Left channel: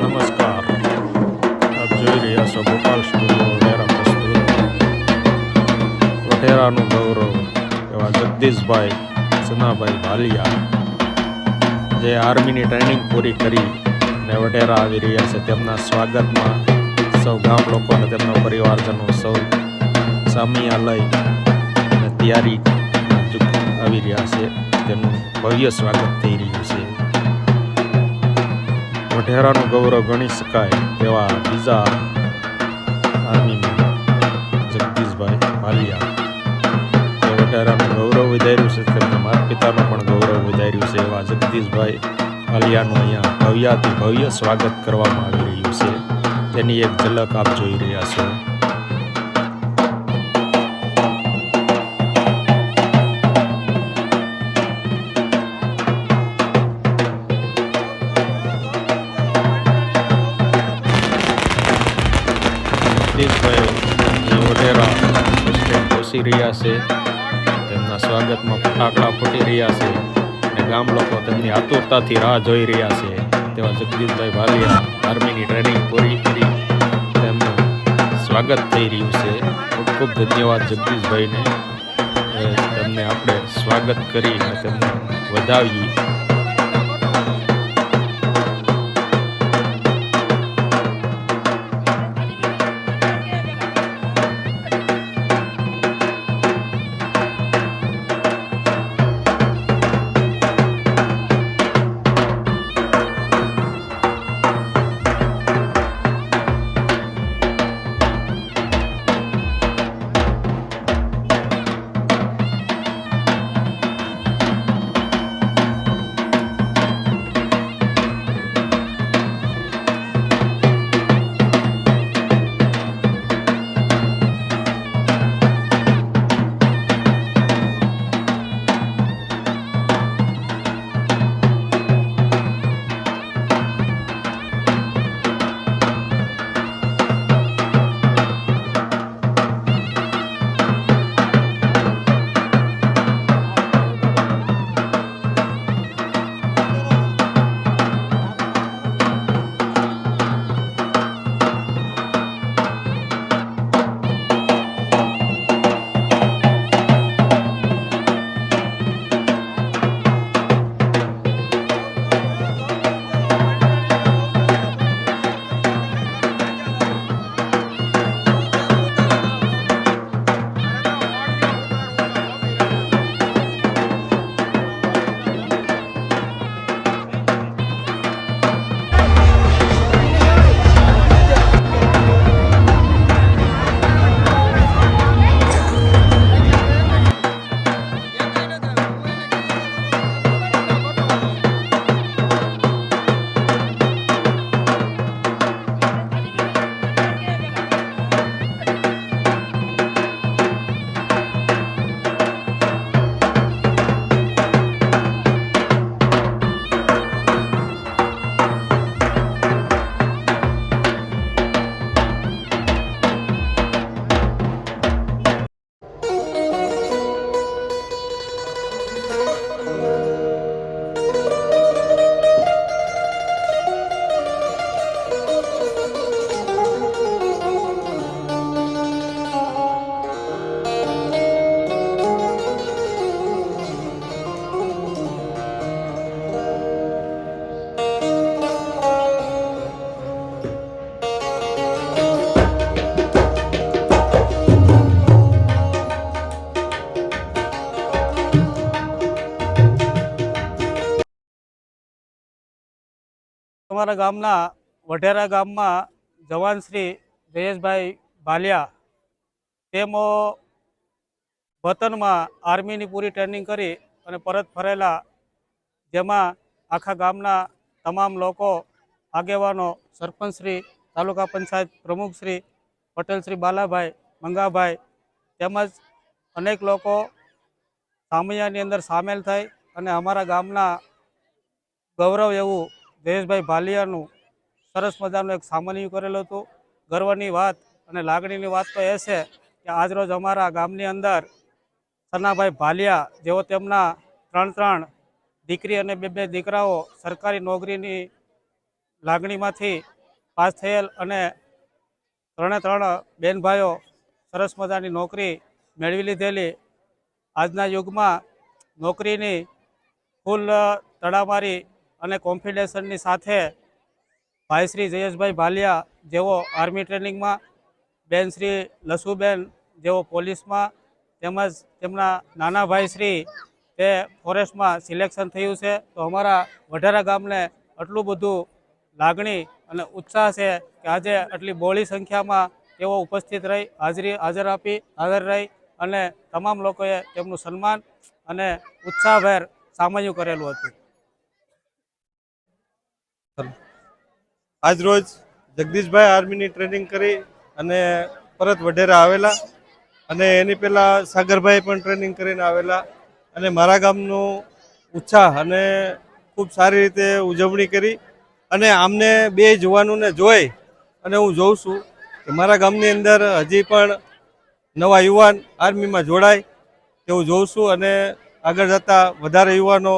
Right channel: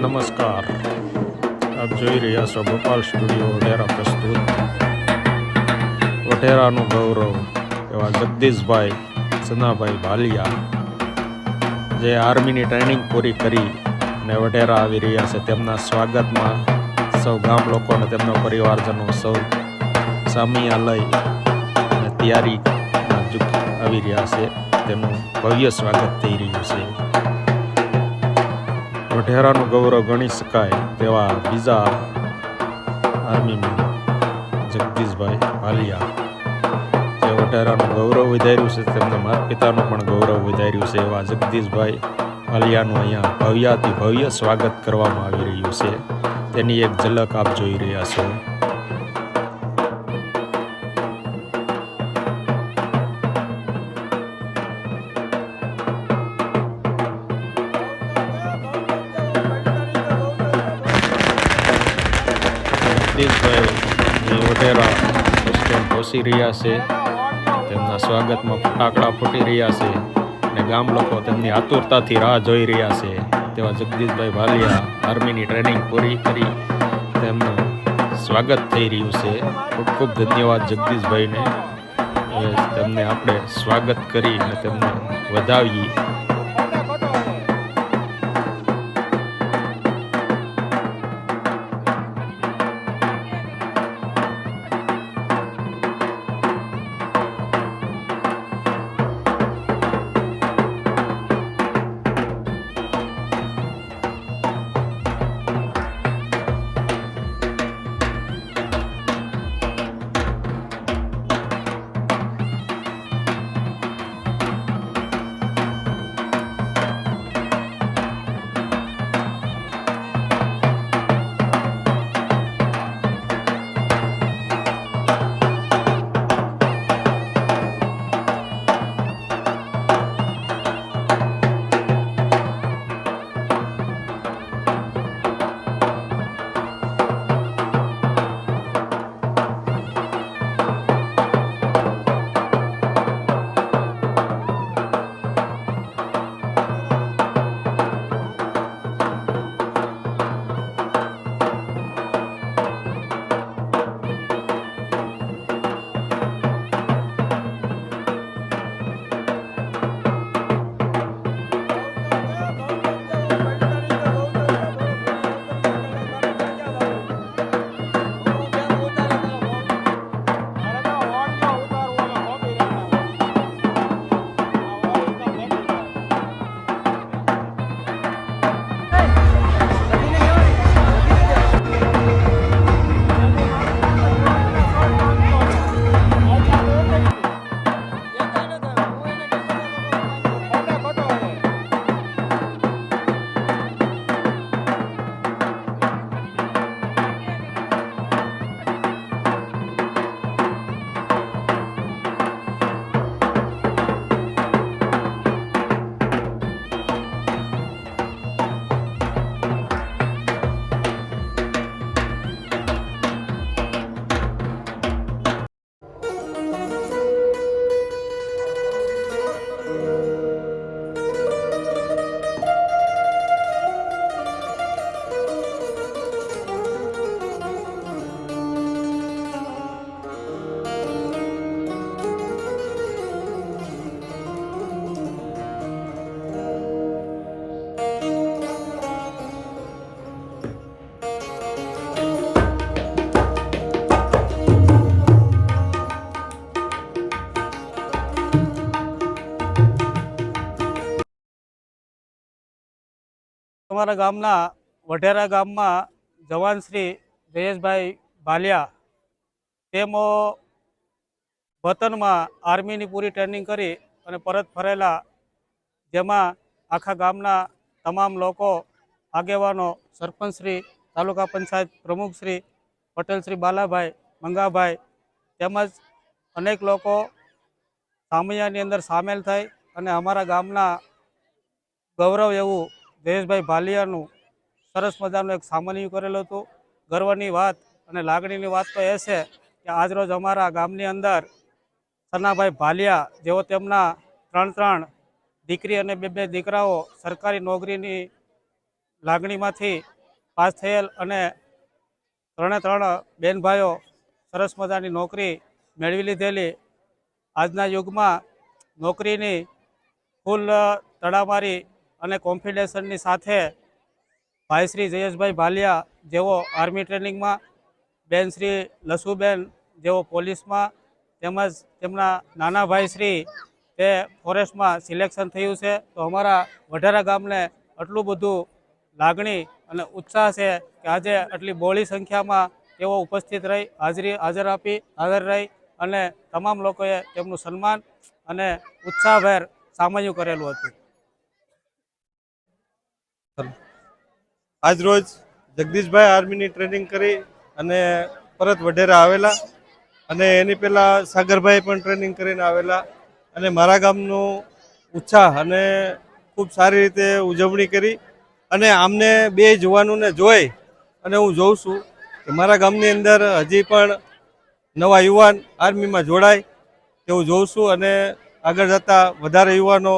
નમસ્કાર, આપ જોઈ રહ્યા છો ગોપાલ સ્ટુડિયો વઢેરા પ્રસ્તુત વઢેરાનું ગૌરવ એવા જગદીશભાઈ સનાભાઈ ભાલિયા, જે આર્મીની ટ્રેનિંગ પૂરી કરી અને વઢેરા આવી રહ્યા છે. તેમના સ્વાગતમાં સૌ ગામ લોકો અને તેમના પરિવારજનો સૌ સામિયા લઈ અને તૈયારીમાં આવી રહ્યા છે. તેનું ભવ્ય સ્વાગત થઈ રહ્યું છે. વઢેરાનું ગૌરવ ગણી શકાય તેવા બીજા આર્મીમેન જગદીશભાઈ ભાલિયા, જે વઢેરાનું ગૌરવ વધાર્યું છે, તેમના માતા પિતાનું પણ ગૌરવ વધાર્યું છે. એવા જગદીશભાઈ ભાલિયાનું અહીંયા ભવ્યાથી ભવ્ય સ્વાગત કરવામાં આવી રહ્યું છે. તેની એક ઝલક આપ જોઈ રહ્યા છો. જગદીશભાઈ વઢેરા બસ સ્ટેન્ડ પહોંચી રહ્યા છે. તેમના સ્વાગતમાં ફટાકડા ફૂટી રહ્યા છે અને ગામ લોકો તેમની આતુરતાથી રાહ જોઈ રહ્યા છે. તેવા જગદીશભાઈ ભાલિયા આર્મીની ટ્રેનિંગ પૂરી કરી તેમનું સ્વાગત થઈ રહ્યું છે. ખૂબ ખૂબ ધન્યવાદ જગદીશભાઈને. તેમને આપણે સ્વાગત કરી અને તેમને વધાવીએ. અમારા ગામના વઢેરા ગામમાં જવાન શ્રી જયેશભાઈ ભાલિયા તેઓ વતનમાં આર્મીની પૂરી ટ્રેનિંગ કરી અને પરત ફરેલા, જેમાં આખા ગામના તમામ લોકો, આગેવાનો, સરપંચ શ્રી, તાલુકા પંચાયત પ્રમુખ શ્રી, પટેલ શ્રી બાલાભાઈ, મંગાભાઈ તેમજ અનેક લોકો સામૈયાની અંદર સામેલ થઈ અને અમારા ગામના ગૌરવ એવું જયેશભાઈ ભાલિયાનું સરસ મજાનું એક સામાન્ય કરેલું હતું. ગર્વની વાત અને લાગણીની વાત તો એ છે કે આજરોજ અમારા ગામની અંદર સનાભાઈ ભાલિયા, જેઓ તેમના ત્રણ દીકરી અને બે દીકરાઓ સરકારી નોકરીની લાગણીમાંથી પાસ થયેલ અને ત્રણ બેન ભાઈઓ સરસ મજાની નોકરી મેળવી લીધેલી. આજના યુગમાં નોકરીની ફૂલ તડામારી અને કોન્ફિડન્સની સાથે ભાઈ શ્રી જયેશભાઈ ભાલિયા જેઓ આર્મી ટ્રેનિંગમાં, બેન શ્રી લસુબેન જેઓ પોલીસમાં, તેમજ તેમના નાના ભાઈ શ્રી તે ફોરેસ્ટમાં સિલેક્શન થયું છે. તો અમારા વઢારા ગામને આટલું બધું લાગણી અને ઉત્સાહ છે કે આજે આટલી બહોળી સંખ્યામાં તેઓ ઉપસ્થિત રહી હાજર રહી અને તમામ લોકોએ તેમનું સન્માન અને ઉત્સાહભેર સામયું કરેલું હતું. આજ રોજ જગદીશભાઈ આર્મીની ટ્રેનિંગ કરી અને પરત વઢેરા આવેલા, અને એની પહેલાં સાગરભાઈ પણ ટ્રેનિંગ કરીને આવેલા, અને મારા ગામનું ઉત્સાહ અને ખૂબ સારી રીતે ઉજવણી કરી. અને આમને બે જવાનોને જોઈ અને હું જોઉં છું કે મારા ગામની અંદર હજી પણ નવા યુવાન આર્મીમાં જોડાય તેવું જોઉં છું, અને આગળ જતાં વધારે યુવાનો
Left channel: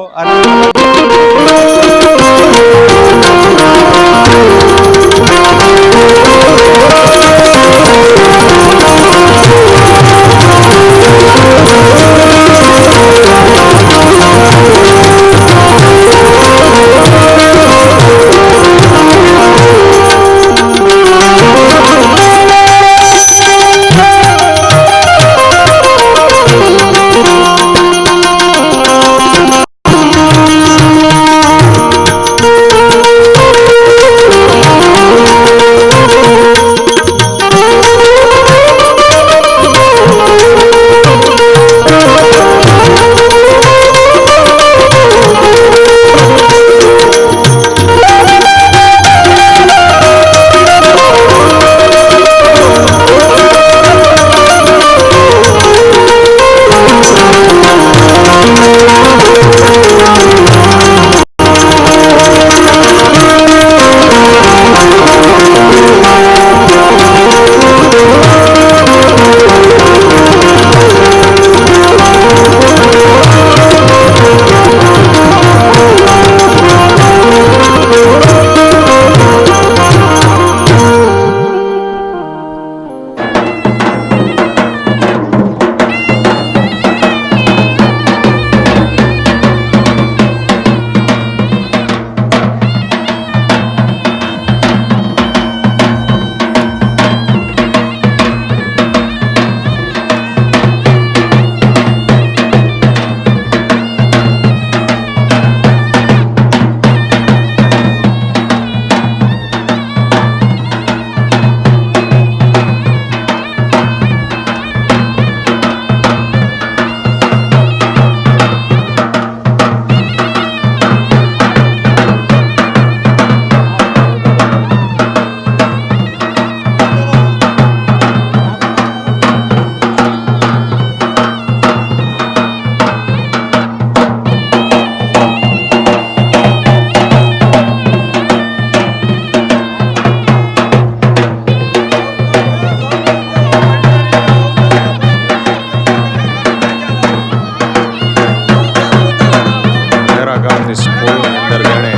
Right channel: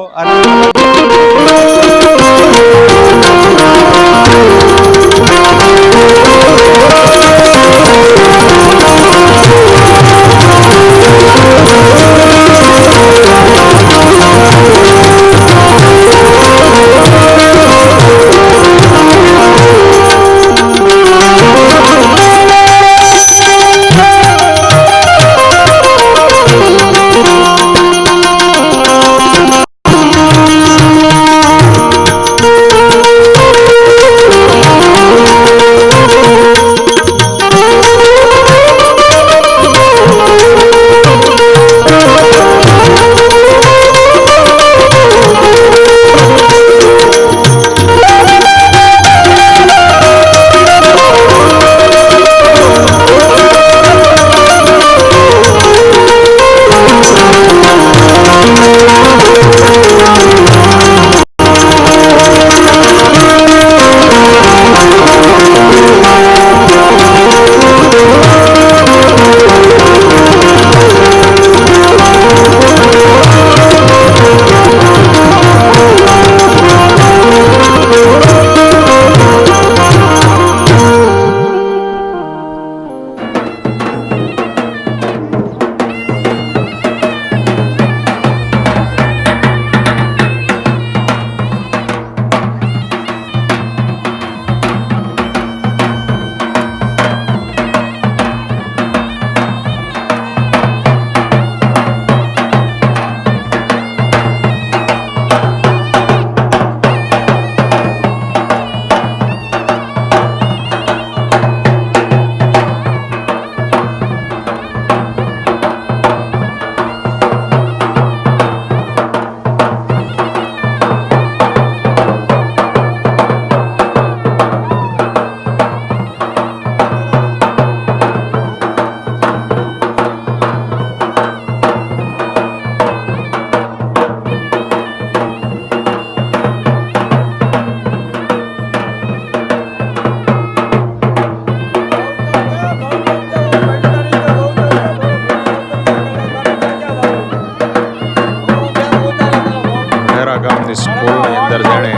ગામની સ્કૂલની અંદર જેણે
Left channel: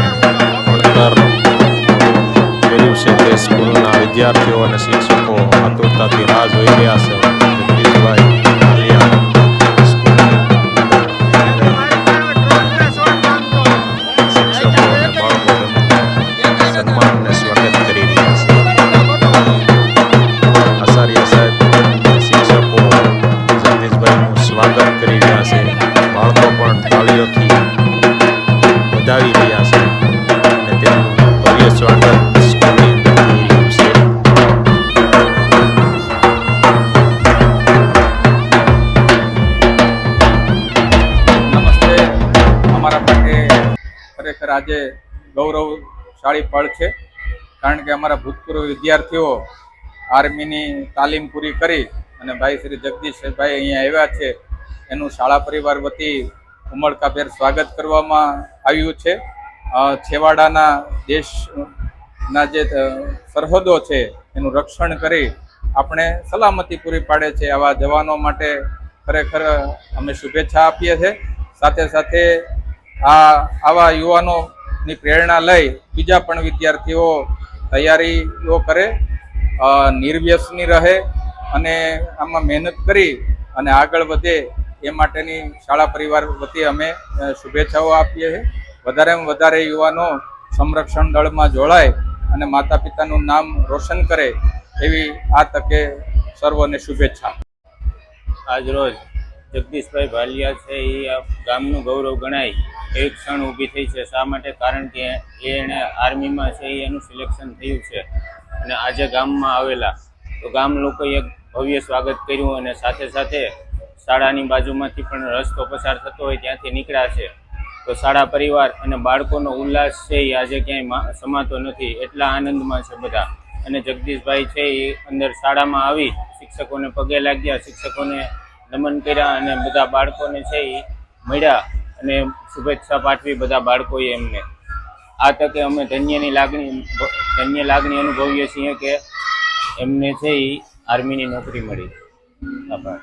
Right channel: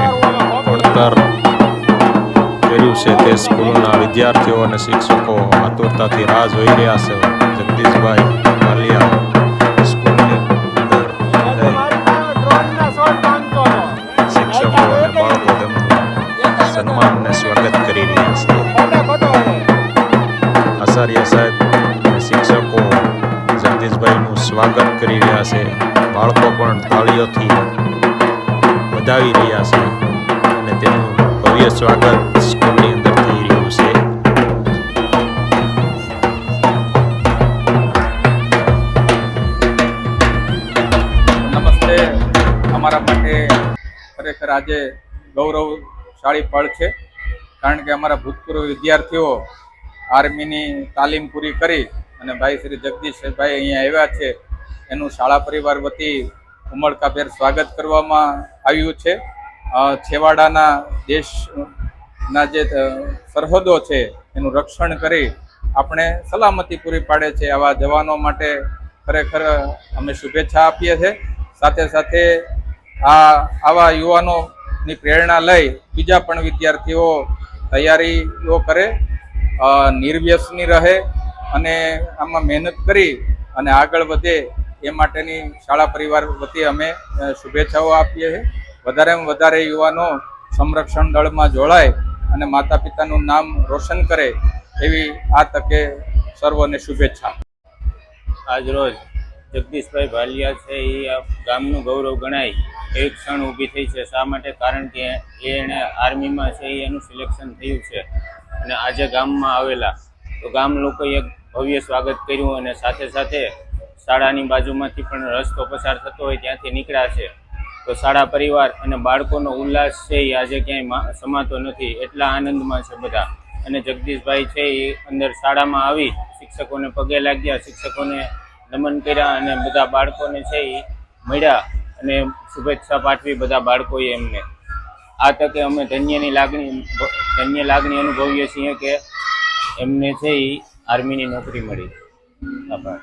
ભણતર કર્યું છે તે સ્કૂલના વિદ્યાર્થીઓ અને શિક્ષકો આતુરતાથી રાહ જોઈ રહ્યા છે. જગદીશભાઈ ભાલિયા સ્કૂલની અંદર શિક્ષકો અને બાળકો તેમનું સન્માન અને સ્વાગત કરી રહ્યા છે. આચાર્ય સાહેબ અને શિક્ષકો જગદીશભાઈનું સ્વાગત કરી રહ્યા છે. બાળકો પણ તાળીઓથી વધાવી રહ્યા છે અને તેમનું ભવ્ય સ્વાગત સ્કૂલની અંદર થઈ રહ્યું છે. નમસ્તે. અમારા માટે ખરેખર આજે ગૌરવશાળી પળ છે, કારણ કે અમારા ભૂતપૂર્વ વિદ્યાર્થીઓ આર્મીની તાલીમ પૂરી કરી અને ભાઈ શ્રી જગદીશભાઈ અહીંયા આવ્યા છે. એનું શાળા પરિવાર વતી ઉમળકાભેર સ્વાગત કરવામાં આવ્યું છે. છેવાડાના દેશના જે સરહદો છે એનું રક્ષણ કરી આપણે સલામતી પૂરી પાડે છે આવા જવાનો માટે ખરેખર અમે શુભેચ્છા આપીએ છીએ. સાથે સાથે આવા યુવાનો ની પ્રેરણા લઈ બીજા પણ વિદ્યાર્થીઓ તૈયારીઓ કરે, નિર્વ્યસની રહે અને આમાં મહેનત કરી અને આગળ વધે એ માટેની શાળા પરિવાર વતી અમે શુભેચ્છાઓ આપીએ છીએ. વધારેમાં વધારે યુવાનો સંરક્ષણ દળમાં જોડાય અને માતા પિતાનું નામ રોશન કરે એવી આ તકે સર્વને શુભેચ્છા. આજ રોજ જગદીશભાઈ ભાલિયા છે એ આ ગામનું ગૌરવ ગણાય એવી ક્ષણ ઊભી થઈ છે. શા માટે? કારણ કે એણે આર્મીમાં છે એનું સિલેક્શન થયું છે અને આજે ગામમાં આવેલા તો ગામ લોકોએ એક ભવ્ય સ્વાગત કર્યું અને સાથે સાથે શાળાની બાજુમાંથી પણ રસ્તો પસાર થતો હોય ત્યાંથી નીકળ્યા છે. તો શાળા પરિવાર અને બાળકોનો ઉલ્લાસ છે એ આજે ક્યાંય સમાતો નથી, એટલા આનંદમાં છે બધા. અને જગદીશભાઈ છે એ અંદર શાળામાં આવી શિક્ષકોને પગે લાગ્યા, શિક્ષકોને નમન કર્યા અને બધા બાળકોને છે એ મળ્યા અને શુભેચ્છા પાઠવી બધા બાળકોએ એમને. આ તકે અમે ધન્ય લાગણી અનુભવીએ છીએ કે એમને છે એ આર્મીની નોકરી મળી. આભાર.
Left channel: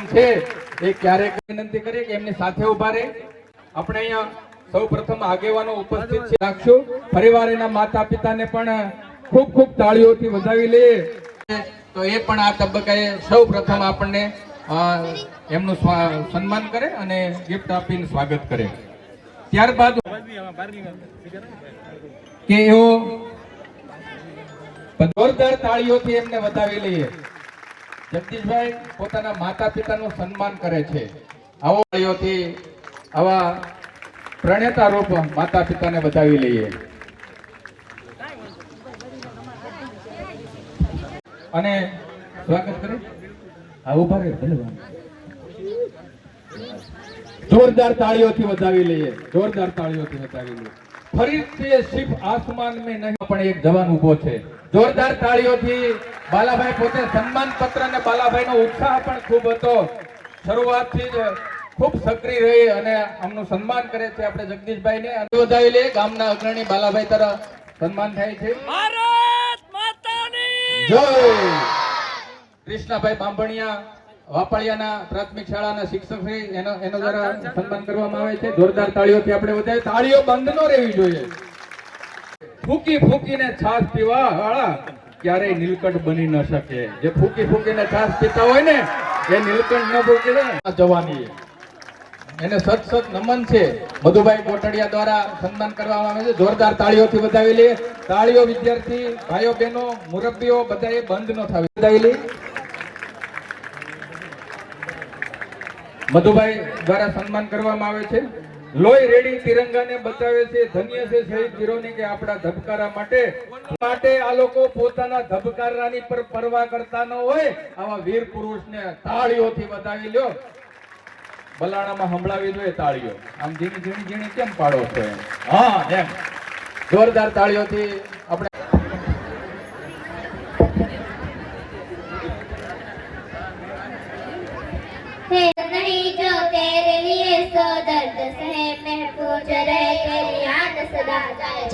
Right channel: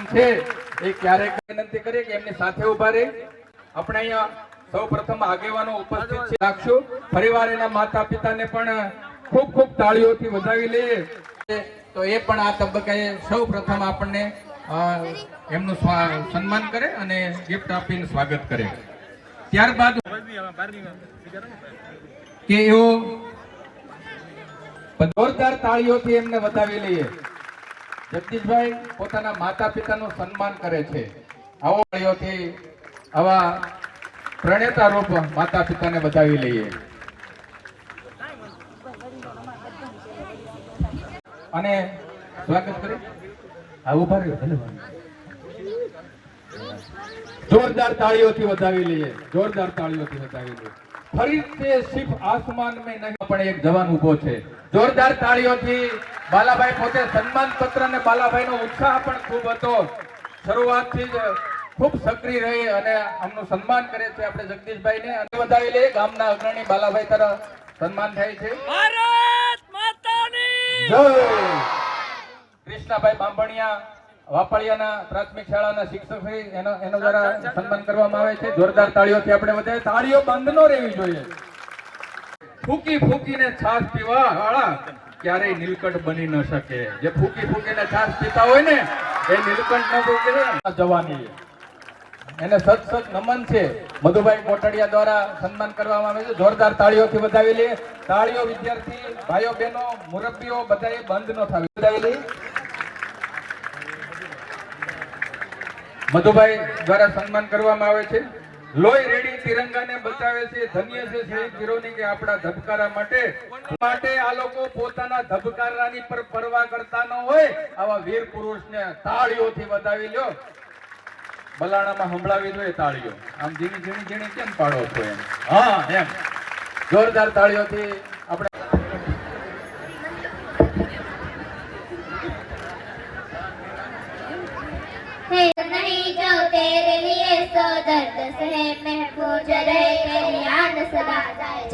કાર્યક્રમ છે એ ક્યારેક વિનંતી કરીએ કે એમની સાથે ઉભા રહે. આપણે અહીંયા સૌ પ્રથમ આગેવાનો ઉપસ્થિત છે રાખશું. ફરીવાર એના માતા પિતાને પણ ખૂબ ખૂબ તાળીઓથી વધાવી લઈએ. તો એ પણ આ તબક્કે સૌ પ્રથમ આપણને એમનું સન્માન કરે અને ગિફ્ટ આપીને સ્વાગત કરે. ત્યારબાદ કે એઓ જોરદાર તાળીઓથી એમને વધાવી લઈએ. જગદીશભાઈ પોતાના માતા પિતાનું સન્માન કરે છે. આવો તાળીઓથી આવા પ્રણેતા રૂપ માતા પિતાને વધાવી લઈએ. અને સ્વાગત કરે ઉભા રહ્યો. જોરદાર તાળીઓથી વધાવી લઈએ. જોરદાર તાળીઓથી વધાવી લઈએ. ફરી તે સિર્ફ આસમાન में નહીં પણ એક જવાન ઊભો છે. જોરદાર તાળીઓથી બાલાભાઈ પોતે સન્માન પત્ર અને બાલાભાઈનો ઉત્સાહ પણ ખૂબ હતો. શરૂઆતથી જ ખૂબ સક્રિય રહી અને આમનું સન્માન કરે છે આપણે જગદીશભાઈને. વધાવી લઈએ. ગામના અગ્રણી બાલાભાઈ તરફ સન્માન થાય છે. ભારત માતાની જય. કૃષ્ણાભાઈ બાંભણિયા વાપળિયાના પ્રાથમિક શાળાના શિક્ષક છે, એનો દ્વારા સન્માન કરવામાં આવે છે. જોરદાર તાળીઓથી આપણે વધારે. તાળીઓ બંધ ન રહેવી જોઈએ. ફૂકી ફૂકીને છાશ પીવા વાળા ક્યારેય નીલકંઠ બની ન શકે. જે ફૂકી ફૂકીને છાશ પીતા હોય ને એ નીલકંઠ ન ફૂકે જવાની. એને સત નમન છે. મધુભાઈ કોટડિયા દ્વારા સન્માન કરવામાં આવે છે. જોરદાર તાળીઓથી વધાવી લઈએ. તાળીઓ વિદ્યાર્થી ભાઈઓ બહેનો મુરબ્બીઓ બધાએ બંધ ન થવી વધાવી લઈએ. મધુભાઈ દ્વારા સન્માન કરવામાં આવે છે. લોહી રેડી તિરંગાને બચાવે છે. ધન્ય છે શહીદ વીરોની કે આપણા ધબકારા માટે આ લોકો પોતાના ધબકારાની પર પરવા કરતા ન હોય. આવા વીર પુરુષને તાળીઓથી વધાવી લ્યો. બલાણામાં સંભળાવી જોઈએ તાળીઓ. આમ ઝીણી ઝીણી ઝીણી કેમ પાડો છો? હા એમ જોરદાર તાળીઓથી આપણે नहीं जो तेरे लिए सो दर्द सहे महफूज रहे तेरी याद सदा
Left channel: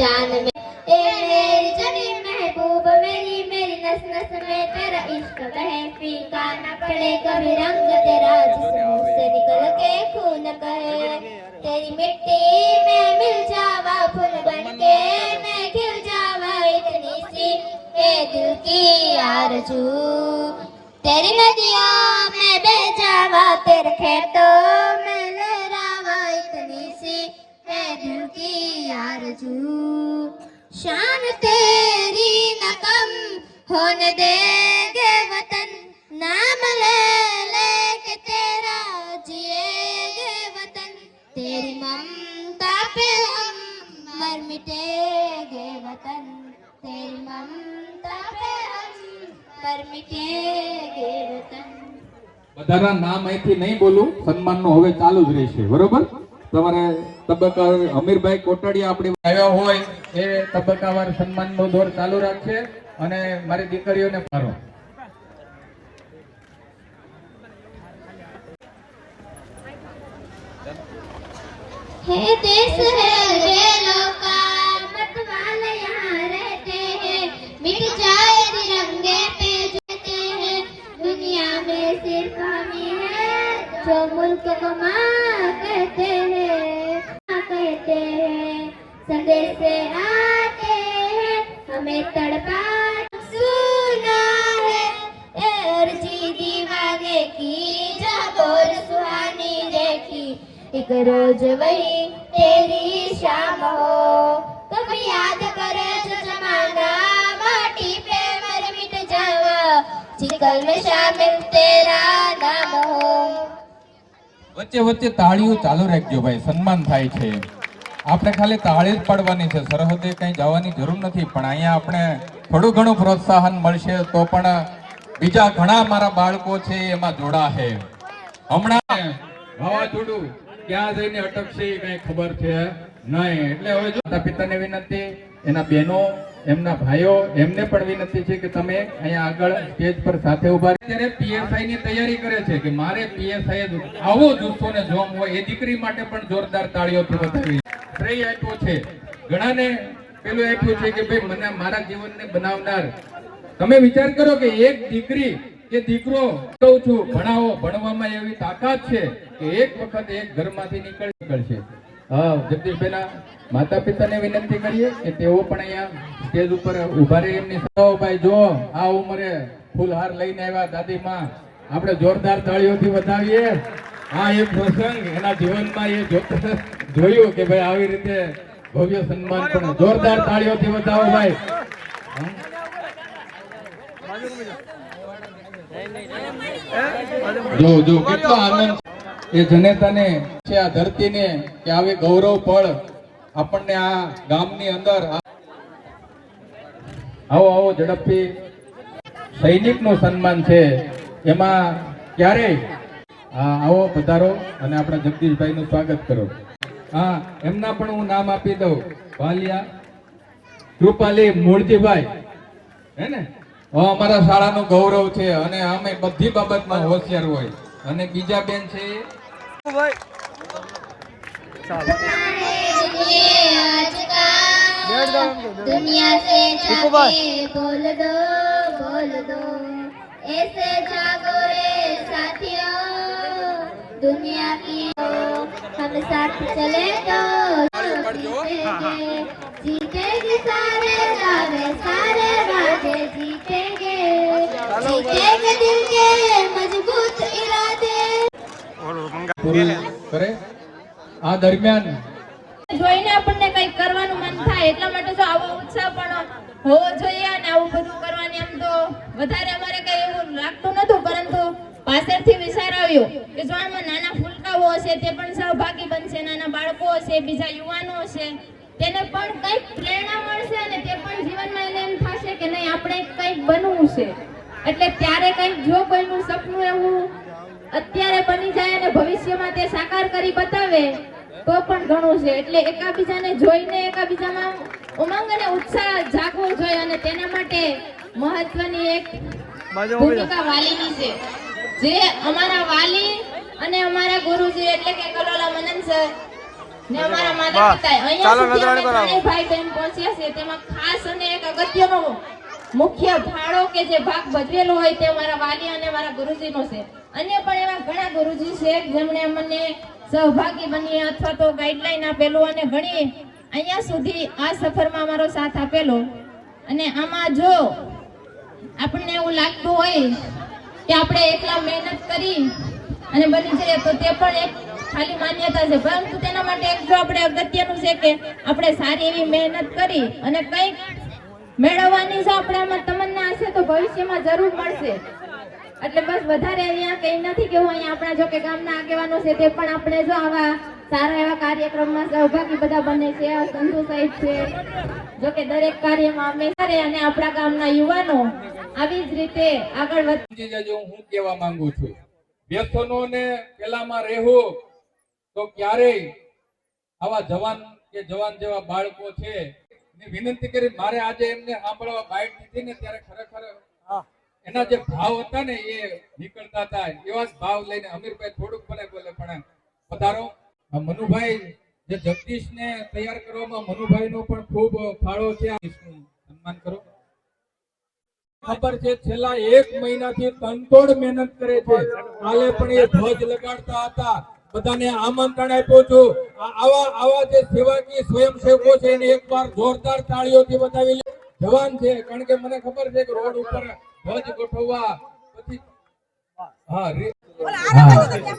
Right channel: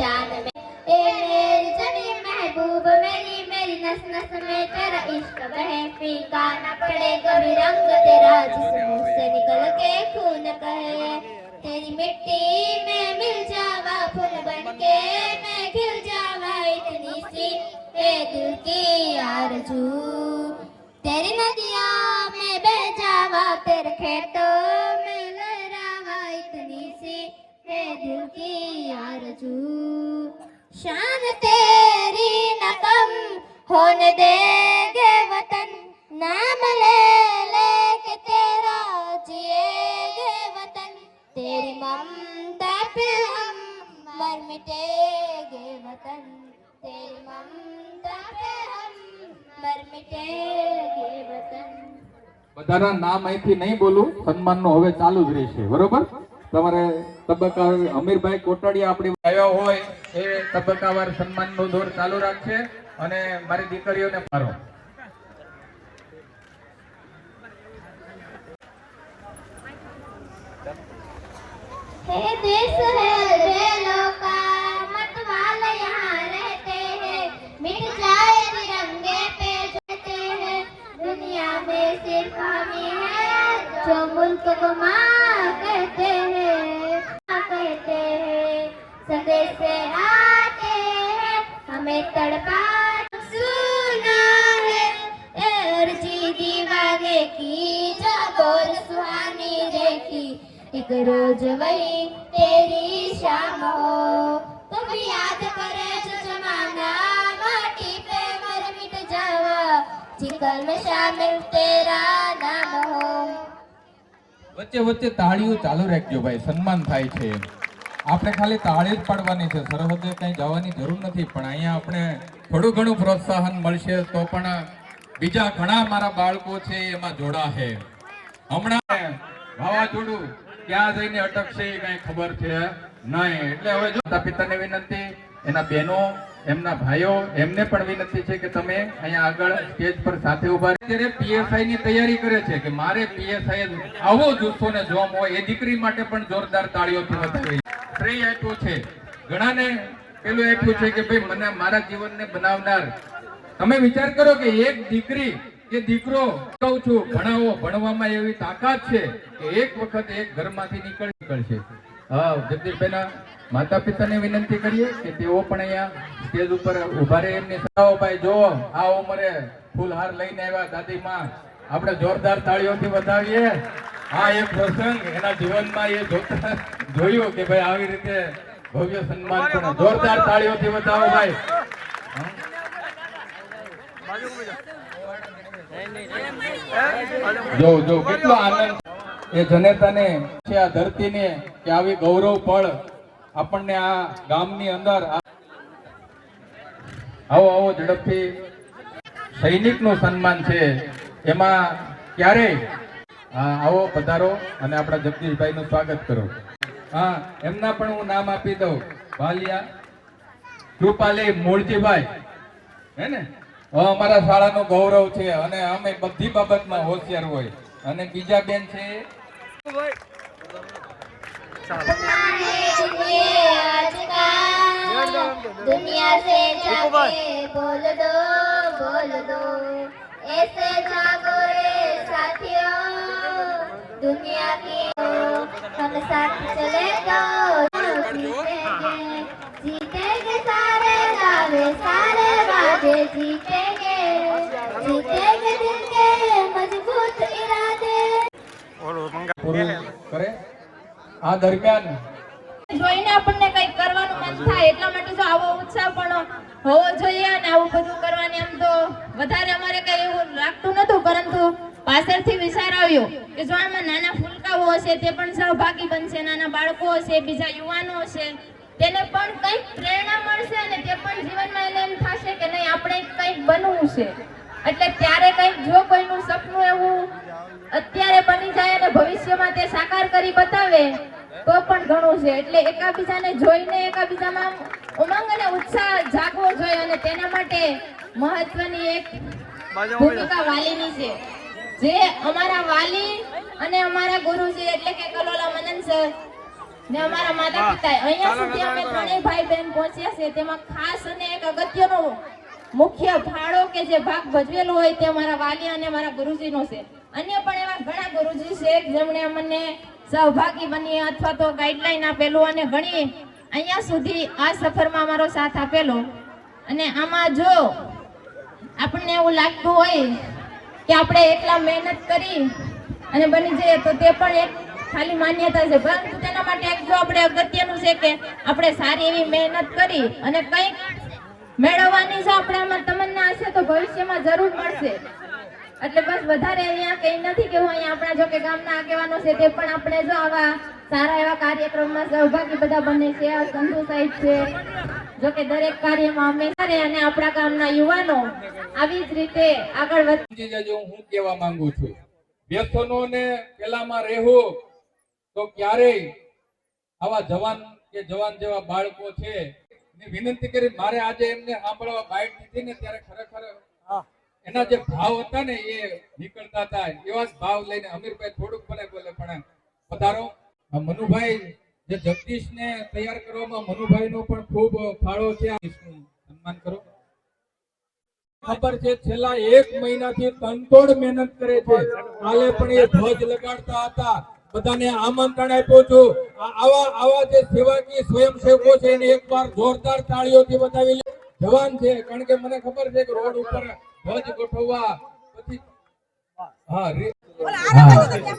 जान में ए मेरी जनी महबूब मेरी मेरी नस नस में तेरा इश्क बहे फीका न पड़े कभी रंग तेरा जिस्म से निकल के खून कहे तेरी मिट्टी में मिल जावा फूल बन के मैं खिल जावा इतनी सी ए दिल की आरज़ू तेरी नदियों में बह जावा तेरे खेतों में लहरावा इतनी सी है दिल की आरज़ू शान तेरी न कम होने देंगे वतन नाम ले ले के तेरा जिएंगे वतन तेरी ममता पे हम मर मिटेंगे वतन तेरी ममता पे हम मर मिटेंगे वतन. બધાના નામ અહીંથી નહીં બોલું. સન્માનનો હવે ચાલુ જ રહેશે. બરોબર. તમારે તબક્કા અમીરભાઈ કોટડિયા આપણે આવ્યા હોય એ તબક્કાવાર સન્માનનો દોર ચાલુ રાખશે અને મારી દીકરીઓને મારો हे देश है बेलों का मतवाले यहाँ रहते हैं मिट जाए तिरंगे पे जाते हैं दुनिया में सिर्फ हम ही हैं जो मुल्क को माँ कहते हैं संदेश से आते हैं हमें तड़पा सुना है और जी दीवाने की जहाँ बोल सुहानी देखी एक रोज वही तेरी शाम हो कभी याद करे जो जमाना माटी पे मर मिट जावा चिकल में शामिल तेरा नाम हो. વચ્ચે વચ્ચે તાળીઓ ચાલુ રાખજો ભાઈ. સન્માન થાય છે. આપણે ખાલી તાળી જ પાડવાની છે. સરહદે કઈ જવાની જરૂર નથી. પણ અહીંયા આપણે થોડું ઘણું પ્રોત્સાહન મળશે તો પણ બીજા ઘણા મારા બાળકો છે એમાં જોડાશે. હમણાં વાવાઝોડું ક્યાં જઈને અટકશે કઈ ખબર છે નહીં. એટલે હવે જો માતા પિતાને વિનંતી, એના બહેનો, એમના ભાઈઓ, એમને પણ વિનંતી છે કે તમે અહીંયા આગળ સ્ટેજ પર સાથે ઉભા ત્યારે પીએસઆઈ ની તૈયારી કરે છે કે મારે પીએસઆઈ આવો જુસ્સો ને જોમ હોય. એ દીકરી માટે પણ જોરદાર તાળીઓથી વધાવી. શ્રેય આપ્યો છે ઘણાને. પેલું આપ્યું છે કે ભાઈ મને મારા જીવનને બનાવનાર. તમે વિચાર કરો કે એક દીકરી એ દીકરો કહું છું ભણાવો, ભણવામાં એવી તાકાત છે કે એક વખત એક ઘરમાંથી નીકળશે. હા, જગદીશભાઈના માતા પિતાને વિનંતી કરીએ કે તેઓ પણ અહીંયા સ્ટેજ ઉપર ઉભા રહે. એમની સલાહો ભાઈ જો આ ઉંમરે ફૂલહાર લઈને આવ્યા દાદી માં, આપણે જોરદાર તાળીઓથી વધાવીએ. આ એક પ્રસંગ એના જીવનમાં એ જોયું કે ભાઈ આવી રીતે ભવ્ય સન્માન પણ. જોરદાર તાળીઓથી વધાવો ભાઈ. જો કેટલો આનંદ એ જનેતાને છે, આ ધરતીને, કે આવી ગૌરવ પળ આપણને આ ગામની અંદર. આવો આવો ઝડપથી સૈનિકનું સન્માન છે એમાં ક્યારેય આવો પધારો અને આપણા જગદીશભાઈનું સ્વાગત કરો. હા, એમના પણ હું નામ આપી દઉં. વાલિયા કૃપાલી મૂળજીભાઈ, હે ને, અમારા શાળાનું ગૌરવ છે અને અમે બધી બાબતમાં હોશિયાર હોય. અને બીજા બેન છે दुनिया से जाके बोल दो ऐसे जागो रे साथियों, दुनिया की हम साथ चले तो जीतेंगे सारे गावे सारे बाजे, जीतेंगे दिल के मजबूत इरादे. કરે. આ દરમિયાન જોઈને આપણને કંઈક કરવાનું મન થાય, એટલા માટે જો આવો ઉત્સાહ પણ હોવો જોઈએ. અને આવું બધું કરવાની આમ તો વધારે અમારે કઈ એવું લાગતું નતું, પરંતુ પાછળથી વિચાર આવ્યો કે જો આમાં નાના ફૂલકાઓ હશે તે પણ સહભાગી બનશે, નાના બાળકો હશે, બીજા યુવાનો હશે, તેને પણ કંઈક પ્રેરણા મળશે અને તે પણ જીવનમાં એને એમ થશે કે નહીં આપણે કંઈક બનવું છે. એટલે ત્યારે કંઈક જો કોઈનું સપનું એવું અત્યારે બની જાય અને ભવિષ્યમાં તે સાકાર કરી બતાવે તો પણ ઘણું છે. એટલે એકાબીજાને જોઈને એકાબીજામાં ઉમંગ અને ઉત્સાહ જાગવો જોઈએ અને તેના માટે મહત્વની એક ભૂમિકા વાલીની છે, જે અમારા વાલી અને અમારા ગુરુજી એટલે કે કલોલા મનન સર ને અમારા માતા પિતા અહીંયા સુધી અમે ત્રણેય ભાઈ બહેન પહોંચ્યા છે. તેમાં ખાસ અને એક અગત્યનો મુખ્ય ફાળો કે જે ભાગ ભજવેલો હોય તે અમારા વાલી અને અમારા ગુરુજીનો છે. અન્ય પણ એવા ઘણા ગુરુજી છે જેમણે અમને સહભાગી બની અથવા તો ગાઈડલાઈન આપેલું અને ઘણી અહીંયા સુધી આ સફરમાં અમારો સાથ આપેલો. અને આમાં જો આપણને એવું લાગતું હોય કે આપણે એકલા મહેનત કરી અને બની જઈએ તો તે પણ એક ખાલી માન્યતા છે, પરંતુ તેના માટે એક જો આપણે અગત્યનું છે કે આપણે સારી એવી મહેનત કરી અને કંઈક મેળવવાની જો આપણે આમાં તમન્ના હશે તો ભવિષ્યમાં જરૂર મળશે. એટલે બસ વધારે અહીંયા કઈ નથી કે હું અહીંયા આપણા જો કે ગામના આગેવાનો છે તે પણ આપણે જો આવા સારા એવા કાર્યક્રમમાં સહભાગી બધા બને છે. સંધુ સાહેબ છે, જો કે દરેક કાર્યમાં હંમેશા અને આપણા ગામના યુવાનો આવી જ રીતે આગળ વધી જજો. હું કહેવા માંગુ છું, વ્યસનોને પેલામાં રહેવું તો ક્યારેય આવા જવાન કે જવાન જેવા બાળકો છે વિનંતી કરી મારે આજે એમને સાંભળવા બાઇટ દીધી ને ત્યારે ખરેખર એના જે ભાવ હતા ને એ નીકળતા હતા. એવા જ ભાવ લઈને અમીરભાઈ થોડુંક મને બોલે પણ પધારો. મનુભાઈ જે જગદીશ ને તૈયાર કરવામાં મનુભાઈ નો પણ ખૂબ ફાળો છે. સન્માન કરો. ખબર છે છેલ્લા 1 મહિનાથી તનતોડ મહેનત કરે છે. કાલે પણ એ ધ્વજ લગાડતા હતા. બધાને આમંત્રણ આપ્યું છું. આવા જે સેવાકીય સ્વયંસેવકો છે એને એકવાર જોરદાર તાળીઓથી બતાવી જવાન છે. કારણ કે મને ખબર છે કે રોડ ઉપર ધ્વજ ગોઠવવા પછી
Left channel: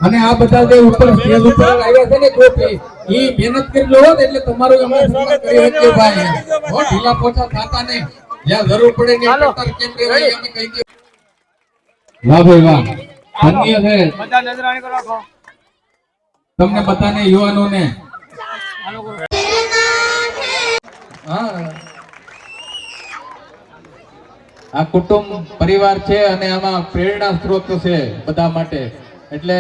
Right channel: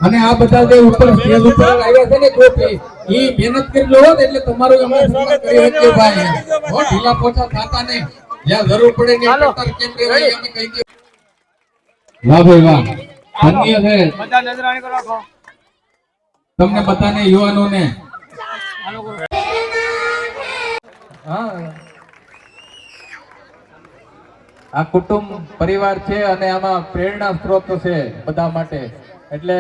અને આ બધા જે ઉપર સ્ટેજ ઉપર આવ્યા છે ને કોપી ઈ મહેનત કરી લો એટલે તમારું અમે સન્માન કરી શકીએ ભાઈ. હો ઢીલા પોચા થાતા નહીં. જ્યાં જરૂર પડે ને કટર કેમ રેવાય અમે કહી દે. વાહ ભાઈ વાહ, ધન્ય છે. બધા નજરાણી કરો રાખો. તમને બધાને યુવાનોને આ કુટુંબ પરિવાર છે અને આમાં પ્રેરણા સ્ત્રોત છે બધા માટે. એટલે